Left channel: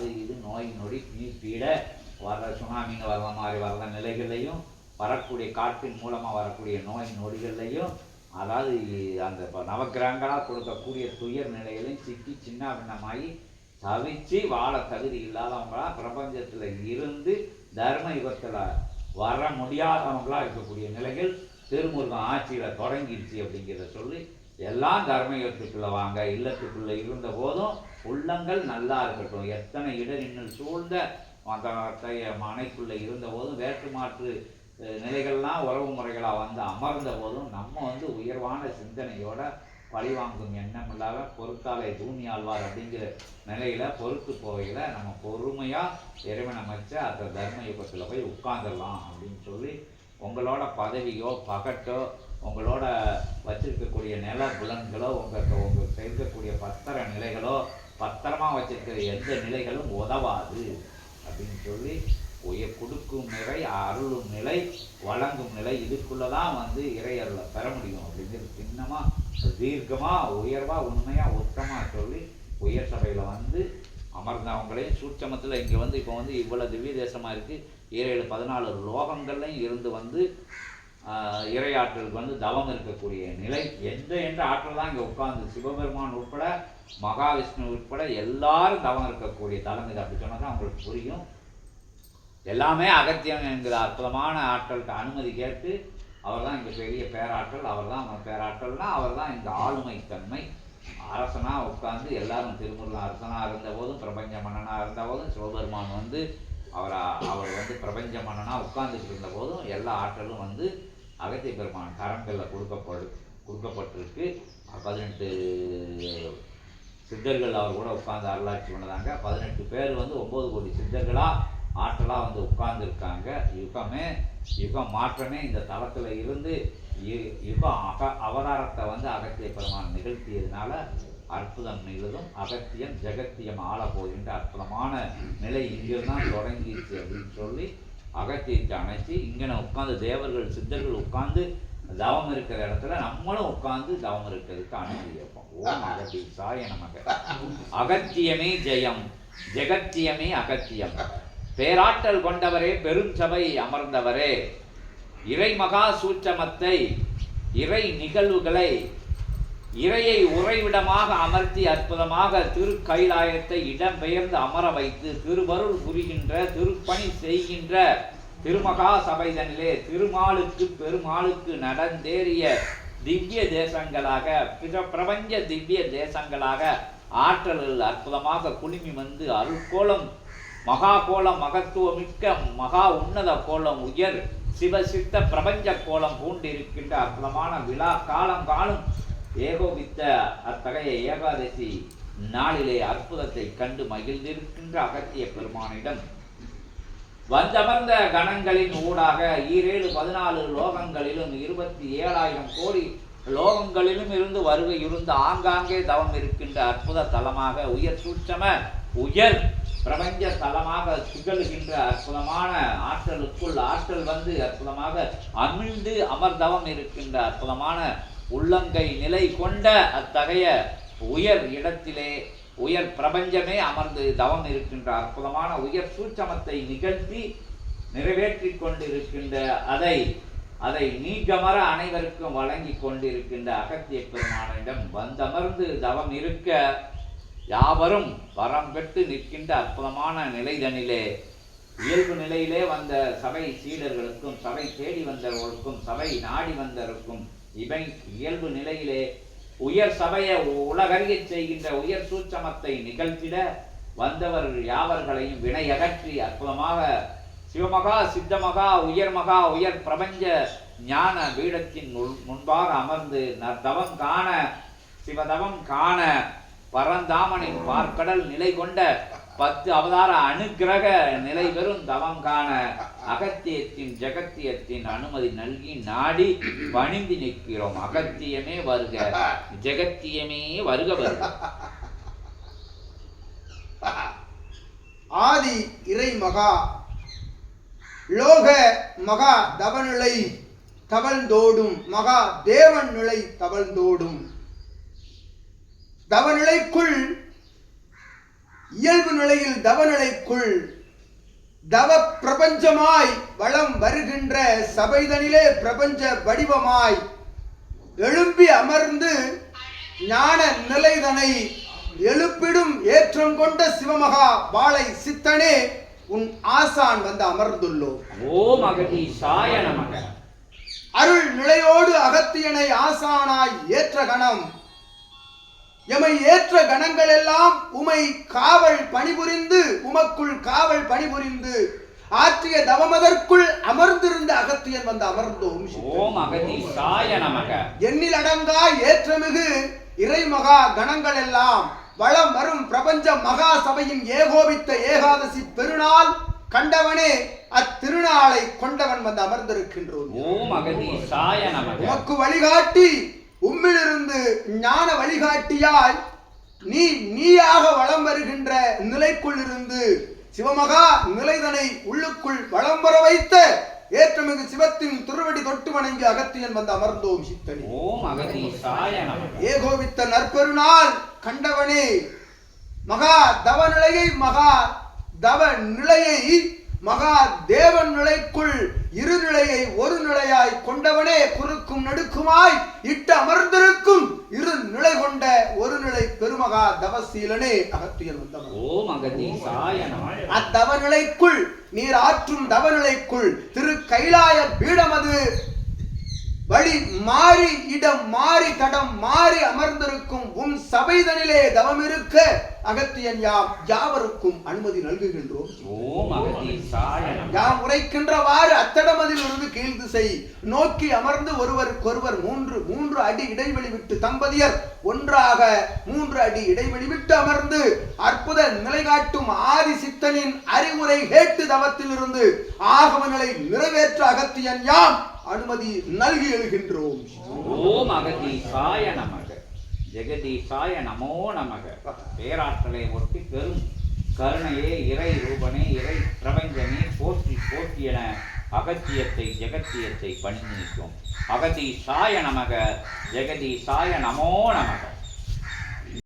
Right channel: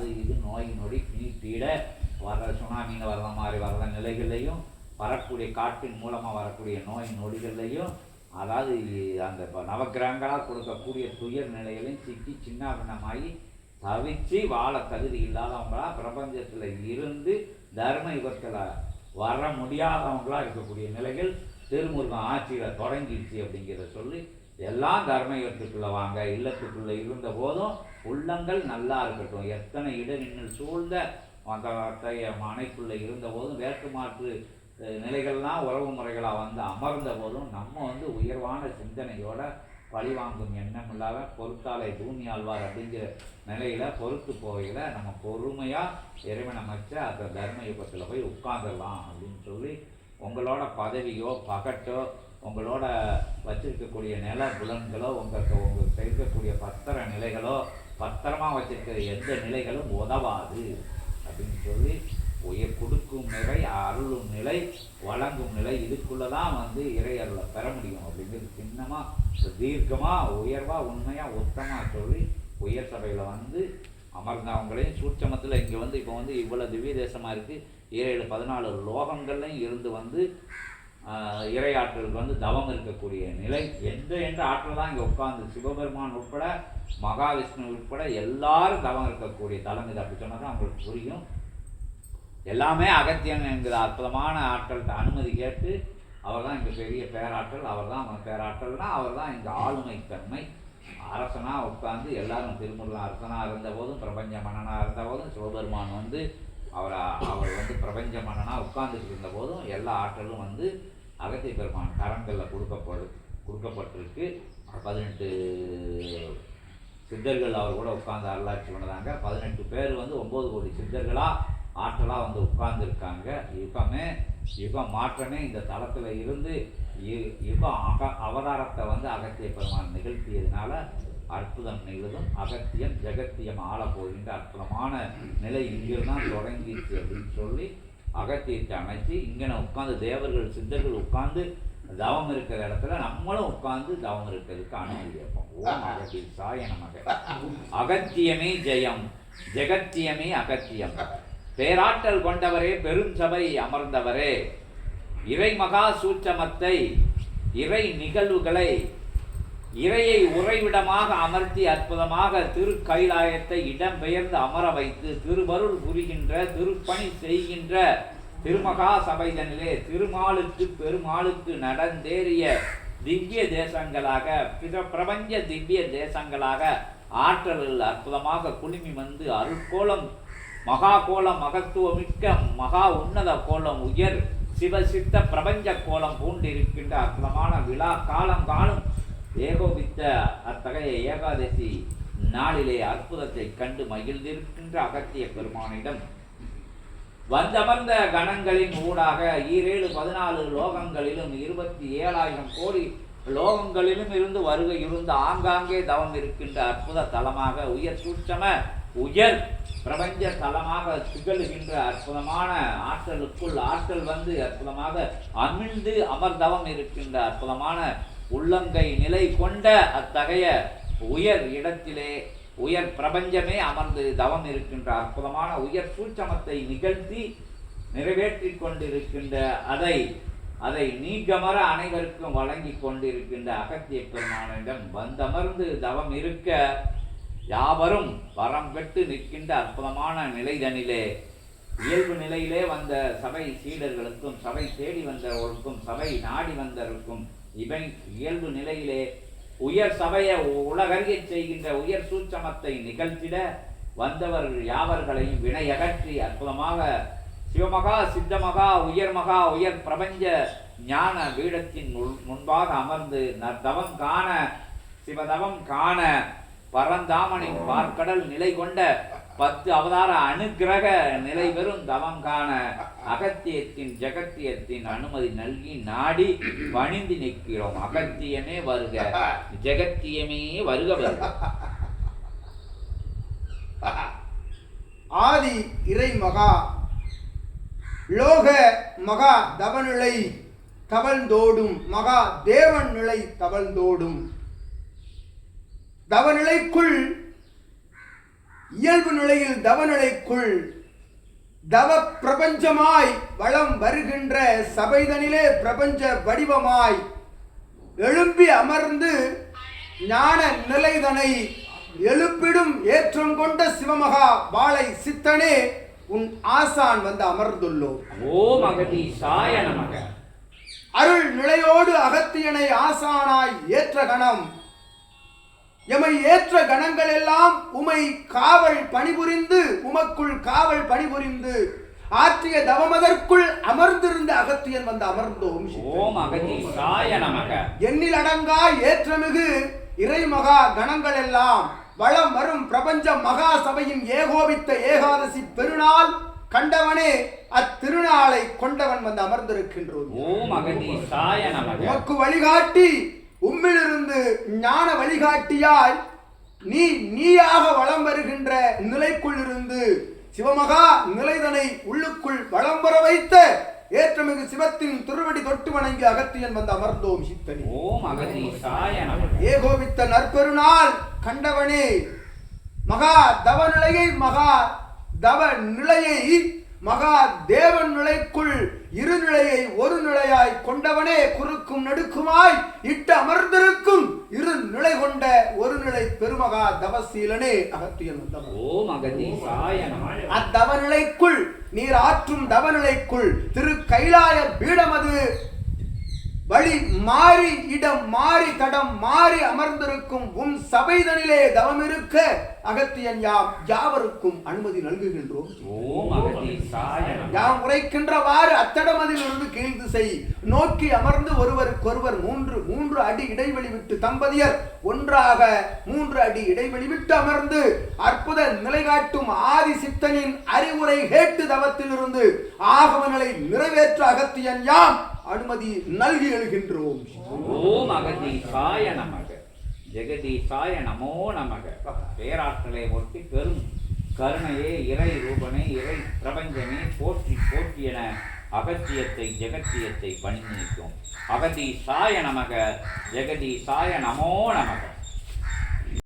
அது இது நோய் நொடி நீ பீட வர சுனாமிங்க வர்ற மாதிரி வர்ற நிலைகள்லையும் வரக்கூடிய காற்றின் மூலமாக வரக்கூடிய நோய் நொடிகள்லையும் அதாவது அந்த இப்போ நவக்கிரகங்களாக கொடுக்கக்கூடிய துயர் நிலைகளையும் சிக்கி சின்ன பின்னமாகி தவிச்சு வாழ தகுதி இல்லாதவங்களா பிரபஞ்சத்தில் இருந்து தர்ம யுகத்தில் வர முடியாதவங்களா இருக்கக்கூடிய நிலைகள் திருமுருகன் ஆட்சியில் தொடங்கிடுச்சு அப்படிங்கிறத சொல்லி எல்லாம் தர்ம யுகத்துக்குள்ளே வாங்க இல்லத்துக்குள்ளே இருந்த போதும் உள்ளங்கள் நல்லா இருக்கட்டும். எத்தனை இடரின்னில் சூழ்ந்த அந்த அத்தகைய மனைக்குள்ளே இருந்த போதும் வேற்று மாற்று நிலைகள்லாம் உறவு முறைகளாக வந்து அமர்ந்த போதும் நம்ம வந்து உயர்வான சிந்தனையோட பழிவாங்கும் எண்ணம் இல்லாத பொறுத்தாலே தூணி ஆழ்வார் அப்படிங்கிற நிலையில் பொறுத்து போவையில் நம்ம பொறுமையாக இறைவனை மச்ச அந்த தர்ம யுகத்தில் போய் உட்காந்துடலாம் அப்படின்னு சொல்லி உங்களோட பதவியோ பகட்டோ உங்களோட வச்சிருக்கக்கூடிய நில புலன்களோ உங்களுக்கு உங்களுக்கு இருக்கக்கூடிய பத்திர நிலைகளோ பத்திரமாக வச்சிருக்கிற எந்த நிலைகளும் உதவாது அப்படின்னு சொல்லி உயர் கொடுக்கும் நிலை அருளும் நிலை வழங்கும் நிலை இதுக்குள்ளே தான் வந்து இறையருளை பெற முடியும் அப்படிங்கிறது சின்னமாக தீர்க்கமாக உயர்வாக உண்மையாக உத்தமா சொல்லி உயர் சபையில் வந்து அமர்ந்தவங்களையும் சூட்சமத்தில் இங்கே வந்து இப்போ வந்து இவ்வளவு திவ்ய தேசமாக இருக்குது ஏழு பதினாலு லோகங்கள்லையும் இருந்து வந்து இறையாற்றலுக்கு வந்து தவம் இருக்கக்கூடிய நிலை. எந்த எந்த ஆற்றல் தான் இங்கே உட்கார்ந்து சிவபெருமான் உட்பட மகாவிஷ்ணு உட்பட எல்லாரும் தவம் இருக்கக்கூடிய தலம் இது. அப்படி சொன்னால் தான் அவங்களுக்கு புரியும். எல்லாமே அகத்தியம் என்கிற அற்புதமான ஆட்கள்கிட்ட அனுமதி கேட்டு அவர் தான் இங்கே பெரிய பேராற்றல் அவர் தான் பேராற்றல்னா அவர் தான் இந்த ஆளுமை தன்மை அரசனாக உட்கார்ந்து எல்லாரும் திருமுருகன் அரசனாக இருந்த போதும் பிரபஞ்ச மன்னனாக இருந்த போதும் சிவபெருமான் வந்து அவர் அவர் வந்து பிரபஞ்ச மன்னனா உட்கார்ந்துட்டு இருந்த போதும் எல்லா ஆற்றலும் வந்து அகத்திய பெருமான் கரங்களில் கொடுக்கப்படு கொடுக்கப்பட்டிருக்கு. பதினெட்டு சித்தர்கள் அவர் கூட உட்கார்ந்து அருளாட்சி பண்ணதாங்க. பதினெட்டு பேர் வந்து ஒம்பது கோடி சித்தர்களாக ஆற்றலாக வந்து உட்கார்ந்துருக்காங்க. யுகமே யுகம் மாற்றமே இந்த தளத்தில் இருந்து யு- யுகம் அக அவதாரத்தை வந்து அகத்திய பெருமான் நிகழ்த்தியதுனால அற்புதம் நிகழும் அகத்தியம் ஜெகத்தியம் ஆள போகின்ற அற்புதமான நிலை இங்கிருந்தான் தொடங்கிடுச்சு அப்படின்னு சொல்லி அகத்தியத்தை அணைச்சி இங்கே உட்காந்து தேவர்கள் சித்தர்கள் உட்காந்து தவம் இருக்கிற இடத்துல நம்மளும் உட்காந்து தவம் இருக்கிறதுக்கு அனுமதி வைப்போம் ஓம் அகத்திய சாய நமக. அகத்தியமே ஜெயம் ஜெகத்தியமே அகத்தியம். பேராற்றல் கொண்டவரே பெரும் சபை அமர்ந்தவரே. இறை மகா சூட்சமத்தை இறை நிகழ்வுகளை இறையை உறைவிடமாக அமர்த்தி அற்புதமாக திருக்கைலாயத்தை இடம்பெயர்ந்து அமர வைத்து திருவருள் புரிகின்ற திருப்பணி செய்கின்ற திருமகா சபைதனிலே திருமாலுக்கு பெருமாளுக்கு நடந்தேறிய திவ்ய தேசங்களாக பிற பிரபஞ்ச திவ்ய தேசங்களாக ஆற்றல்கள் அற்புதமாக குலுங்கி வந்து அருள்கோலம் மகா கோலம் மகத்துவமிக்க மகா உன்னத கோலம் உயர் சிவசித்த பிரபஞ்ச கோலம் பூண்டிருக்கின்ற அற்புதமான விழா காலம் காலம் ஏகோபித்த அத்தகைய ஏகாதசி நாளிலே அற்புதத்தை கண்டு மகிழ்ந்திருக்கின்ற அகத்திய பெருமானிடம் வந்தமர்ந்த கணங்களின் ஊடாக ஈரேழு பதினாலு லோகங்களிலும் இருபத்தி ஏழாயிரம் கோடி லோகங்களிலும் இருந்து வருகை இருந்து ஆங்காங்கே தவம் இருக்கின்ற அற்புத தலமாக உயர் சூட்சம உயர் பிரபஞ்ச தலமாக திகழ்கின்ற அற்புதமான ஆற்றலுக்குள் ஆற்றல் வந்து அற்புதமாக அமிழ்ந்து அமர்தவம் இருக்கின்ற அற்புதமான உள்ளங்கை நிலை கொண்ட அத்தகைய உயர் இடத்திலே உயர் பிரபஞ்சமே அமர்ந்து தவம் இருக்கின்ற அற்புதமான உயர் சூட்சமத்தை நிகழ்த்தி நிறைவேற்றி கொண்டிருக்கின்ற அதை அதை நீக்கமர அனைவருக்கும் வழங்கி கொண்டிருக்கின்ற அகத்திய பெருமானிடம் வந்தமர்ந்து தவம் இருக்க யாவரும் வரம் பெற்று நிற்கின்ற அற்புதமான நிலைதனிலே இயல்பு நிலையிலே வந்த சபை சீடர்களுக்கும் சபை தேடி வந்தவர்களுக்கும் சபை நாடி வந்தவருக்கும் இவை இயல்பு நிலையிலே உயர் சபையை உலகறிய செய்கின்ற உயர் சூட்சமத்தை நிகழ்த்திட வந்தவர்கள் யாவர்களையும் வினையகற்றி அற்புதமாக சிவமகா சித்தமகா உயர்மகா உயர் பிரபஞ்ச ஞான பீடத்தின் முன்- முன்பாக அமர்ந்து நற்தவம் காண சிவதவம் காண பரந்தாமனின் பார்க்கடல் நிலை கொண்ட பத்து அவதார அனுகிரக நிலை பெறும் தவம் காண அகத்தியத்தின் ஜெகத்தியத்தின் அனுமதி நல்கி நாடி பணிந்து நிற்கிறோம். அகத்தியமே வருக ஜெகத்தியமே வருக வருக. ஆதி இறை மகா லோக மகா தவநிலை தவழ்ந்தோடும் மகா தேவன் நிலை தவழ்ந்தோடும். தவநிலைக்குள் இயல்பு நிலையில் தவநிலைக்குள் தவ பிரபஞ்சமாய் வளம் வருகின்ற சபைதனிலே பிரபஞ்ச வடிவமாய் எழும்பி அமர்ந்து ஞான நிலைதனை எழுப்பிடும் ஏற்றம் கொண்ட சிவமகா வாளை சித்தனே உன் ஆசான் வந்து அமர்ந்துள்ளோம். ஓம் அகதீசாய நமக. அருள் நிலையோடு அகத்தியனை ஆசானாய் ஏற்ற கணம். எமை ஏற்ற கணங்கள் எல்லாம் உமை காவல் பணிபுரிந்து உமக்குள் காவல் பணிபுரிந்து ஆற்றிய தவமதற்குள் அமர்ந்திருந்த அகத்தியன் வந்து அமர்ந்தோம். ஓம் எண்ணில் அடங்கா ஏற்றமிகு இறைமகா கணங்கள் எல்லாம் வளம் வரும் பிரபஞ்ச மகா சபையின் ஏகோபித்த ஏகாதசி பெருநாள் கண்டவனே அத்திருநாளை கொண்டவன் வந்து அமர்ந்திருக்கின்றோம். உமக்கு வழிகாட்டி உம்மிலிருந்து ஞான வழிகாட்டியாய் நீ நீயாக வளம் வருகின்ற நிலைக்குள் இருந்து சிவமகா நிலைதனை உள்ளுக்குள் வளம் வர வைத்த ஏற்றமிகு சிவத்தின் திருவடி தொட்டு வணங்கி அகத்தியன் வந்து அமர்ந்தோம் சித்தனி. ஓம் ஏகோபித்த நற்பெருநாள் கண்டவனே மகா தவ நிலையை மகா தவ நிலையை மகா தேவன் நிலைக்குள் இரு நிலையை ஒரு நிலையாய் கொண்டவனே குறுக்கும் நடுக்குமாய் இட்டு அமர்ந்திருக்கும் இரு நிலை கொண்ட ஒரு நிலை பெருமகா தவசீலனே அகத்தியன் வந்தவன். ஓம் அகதீசாய நமக அத்தவ நிலைக்குள் நீர் ஆற்றும் தவ நிலைக்குள் திரு கைலாய பீடமது வழி மாறி இடம் மாறி தடம் மாறி அமர்ந்திருக்கும் உன் சபைதனிலே தவம் இருக்க அகத்தியன் யாம் யாவருக்கும் அனுமதி நல்குகின்றோம். யாம் உரைக்கின்றவாறு அத்தடமதில் இருந்து கீழ் திசை நோக்கி அமர்ந்து ஒருவருக்கொருவர் மூன்று மூன்று அடி இடைவெளி விட்டு தம்பதியர் ஒன்றாக மூன்று அடி இடைவெளி விட்டு அமர்ந்து அற்புத நிலை காட்டும் ஆதி சித்தனின் அறிவுரை கேட்டு தவத்திலிருந்து ஆகம நிலை நிறைவேற்ற அகத்தியன் யாம் அனுமதி நல்கி எழுகின்றோம். ஓம் அகதீசாய நமக. ஜெகதீசாய நமோ நமக. பேராற்றலை ஒட்டி பெரும் கருணையே இறை ரூபனே இறை பிரபஞ்சனே போற்றி போற்றி என அகத்தியத்தை ஜெகத்தியத்தை பணி நிற்கும் அகதீசாய நமக ஜெகதீசாய நமோ நமக.